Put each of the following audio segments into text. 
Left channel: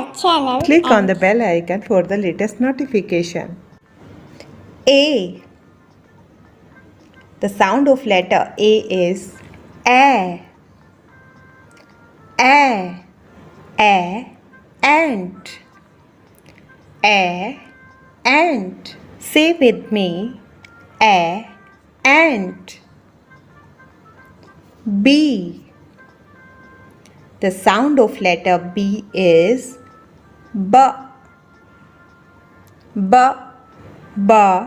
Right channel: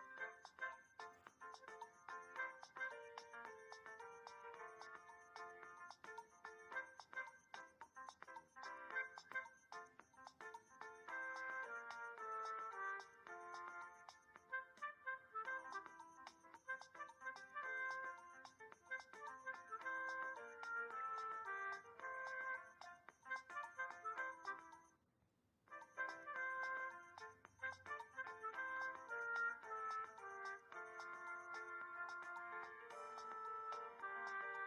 our channel. Click on the bell icon for the latest notification. A. The sound of letter A is A. A. Ant. Ant. Say with me. Ant. B. The sound of letter B is B. Ball.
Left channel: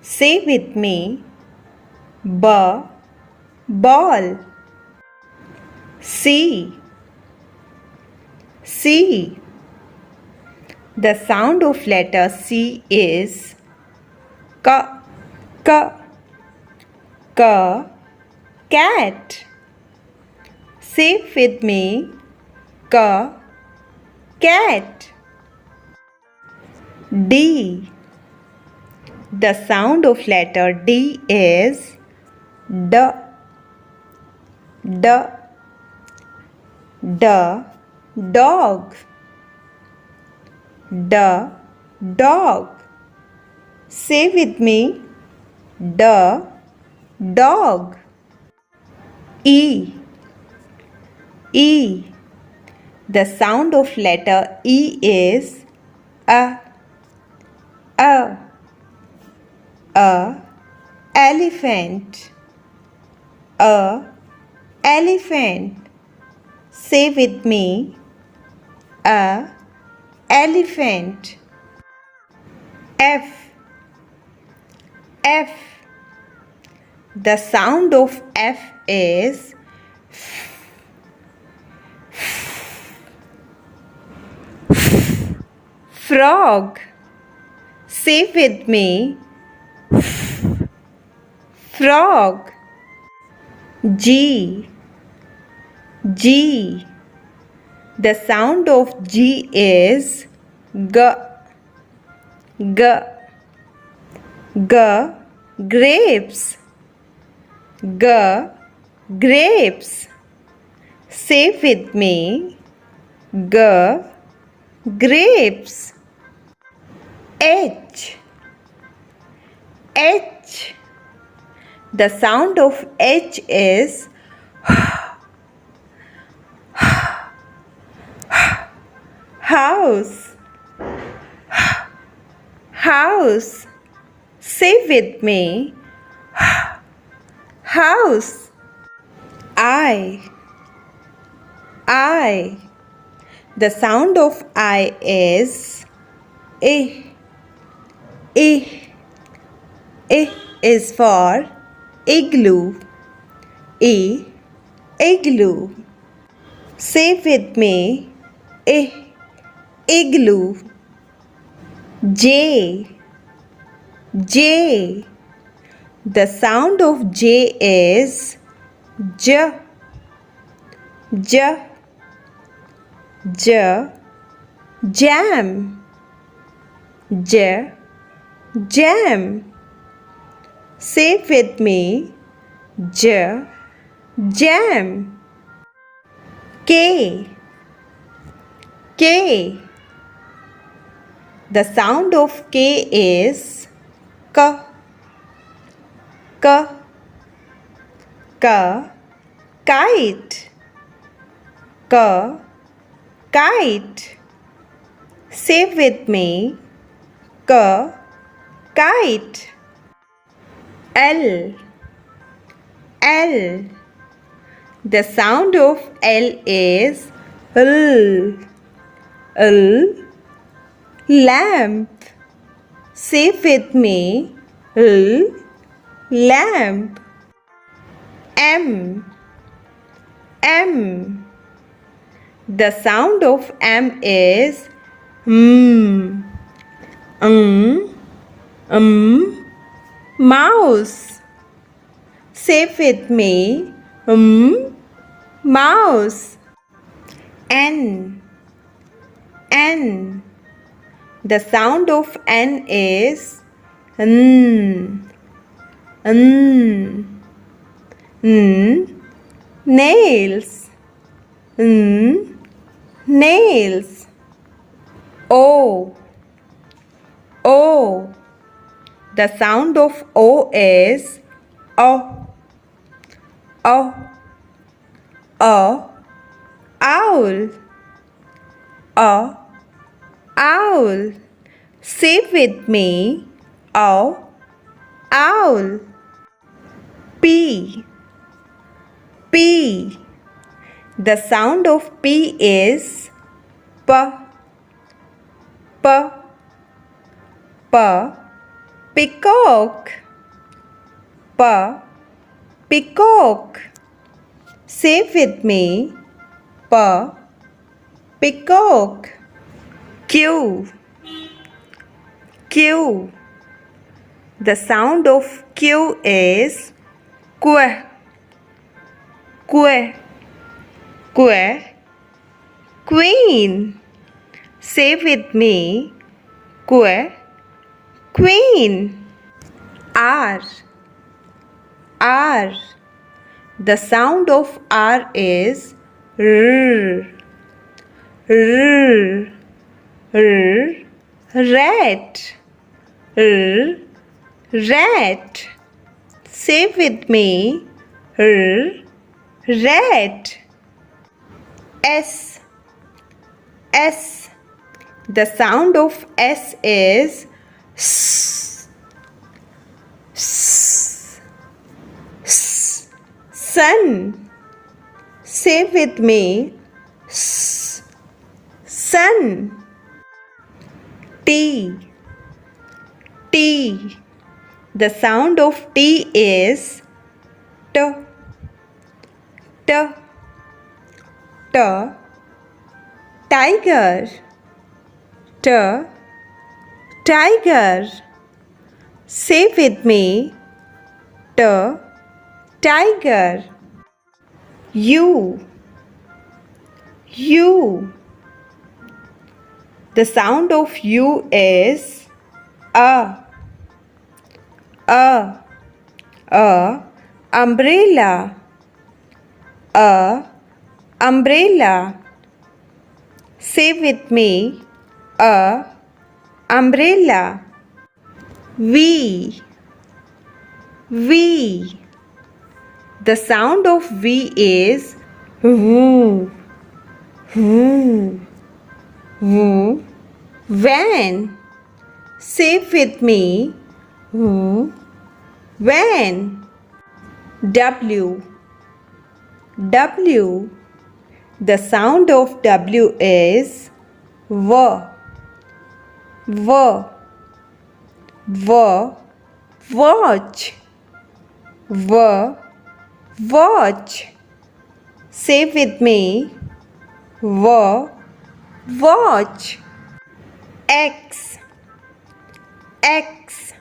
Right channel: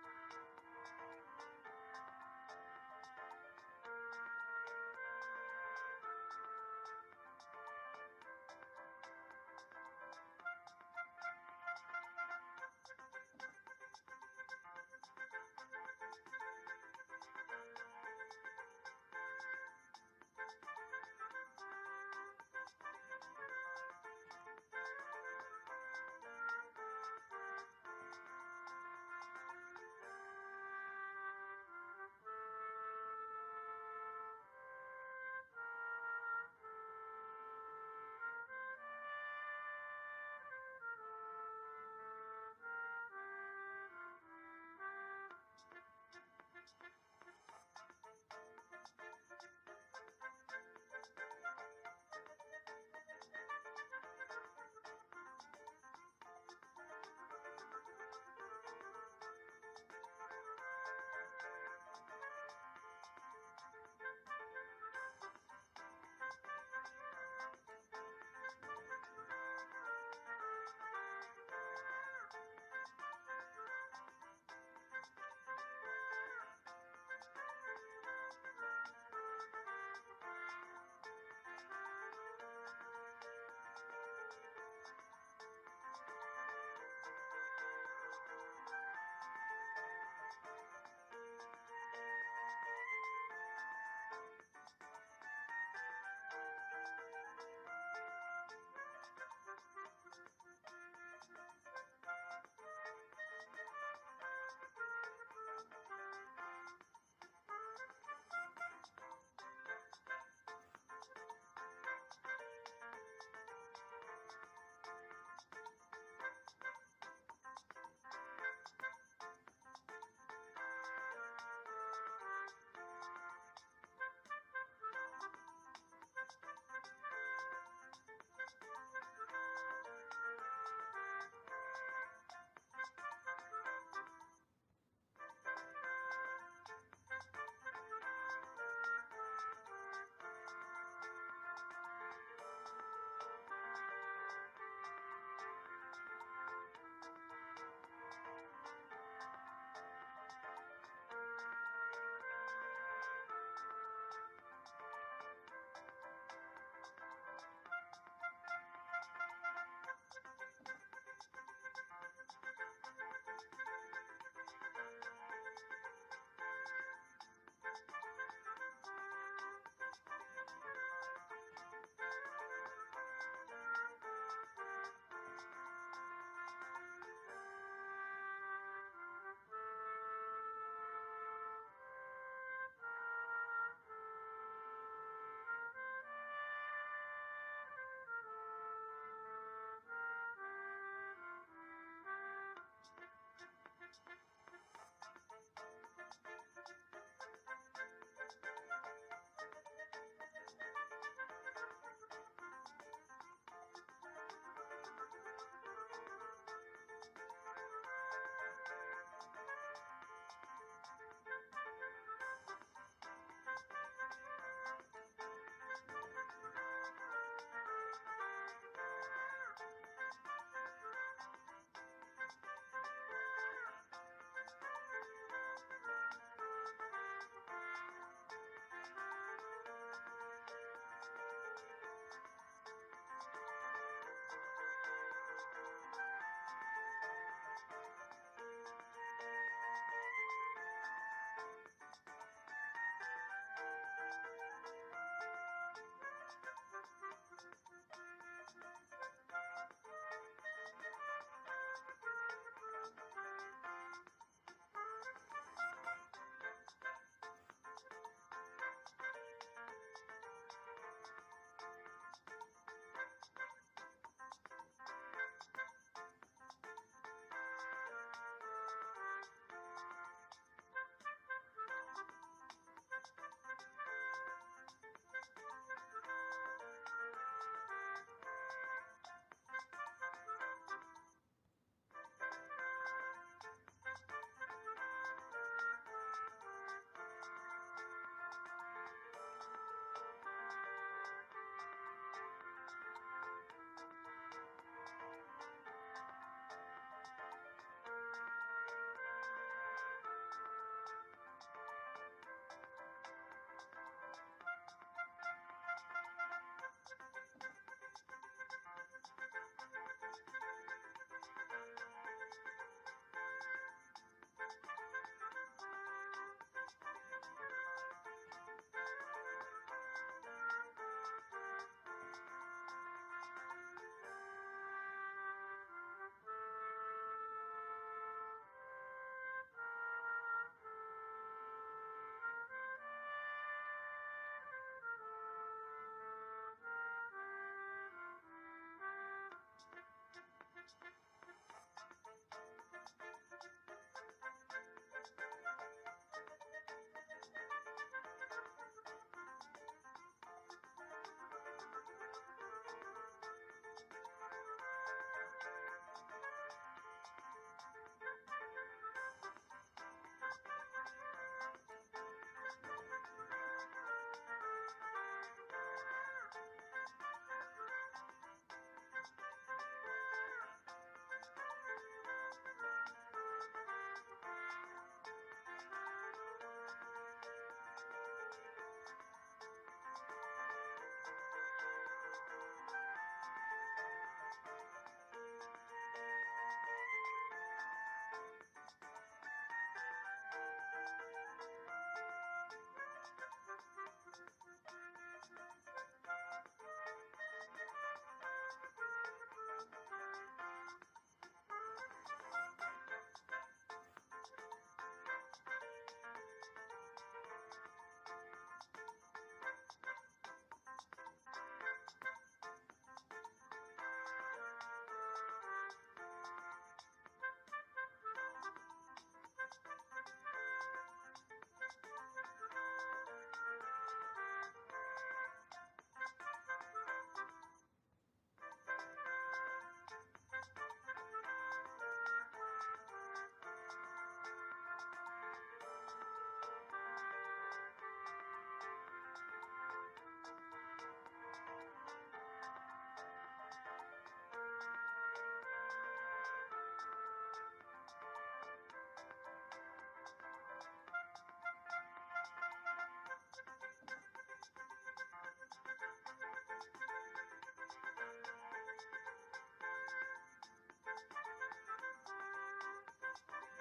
Say with me. Ball. C. The sound of letter C is cat. Say with me. Cat. D. The sound of letter D is dog. Dog. Say with me. Dog. E. The sound of letter E is elephant. Elephant. Say with me. Elephant. F. The sound of F is frog. Say with me. Frog. G. The sound of G is grapes. Grapes. Say with me. Grapes. H. The sound of H is house. Say with me. House. I. The sound of I is is for igloo. Igloo. Say with me. Igloo. J. The sound of J is jam. Jam. Say with me. Jam. K. The sound of K is kite. Kite. Say with me. Kite. L. The sound of L is lamp. Say with me. Lamp. M. The sound of M is mouse. Say with me. Mouse. N. The sound of N is nails. nails. O. O. The sound of O is O. O. O. Owl. O. Owl. Say with me. O. Owl. P. P. The sound of P is P. P. P. Peacock. P. Peacock. Say with me. P. Peacock. Q. Q. The sound of Q is que. Que. Que. Queen. Say with me. Que. Queen. R. R. The sound of R is R. R. R. Rat. R. Rat. Say with me. R. Rat. S. S. The sound of S is S. S. S. Sun. Say with me. S. Sun. T. T. The sound of T is T. T. T. Tiger. T. Tiger. Say with me. T. Tiger. U. U. The sound of U is A. A. A. Umbrella. A. Umbrella. Say with me. A. Umbrella. V. V. The sound of V is V. V. V. Van. Say with me. V. Van. W. W. The sound of W is V. V. V. Watch. V. Watch. Say with me. V. Watch. X. X.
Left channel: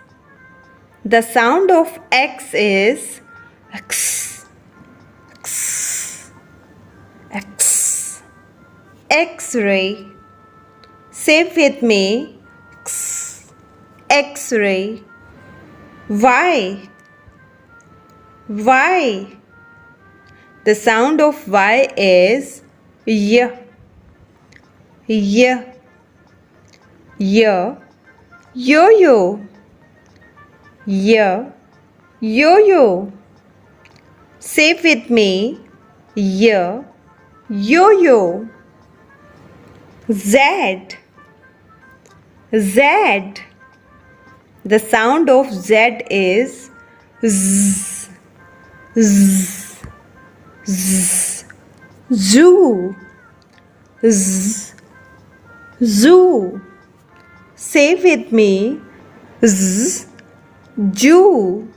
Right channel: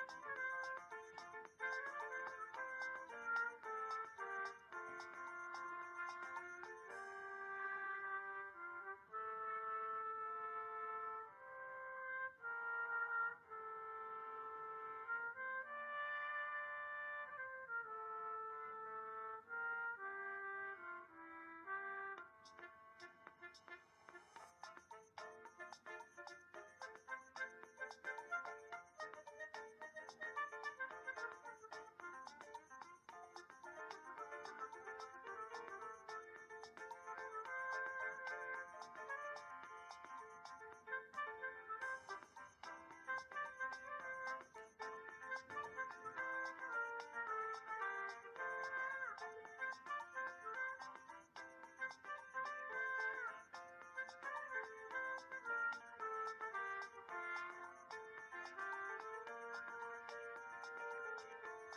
The sound of X is X. X. X. X-ray. Say with me. X. X-ray. Y. Y. The sound of Y is Y. Y. Y. Yo-yo. Y. Yo-yo. Say with me. Y. Yo-yo. Z. Z. The sound of Z is Z. Z. Z. Zoo. Z. Zoo. Say with me. Z. Zoo.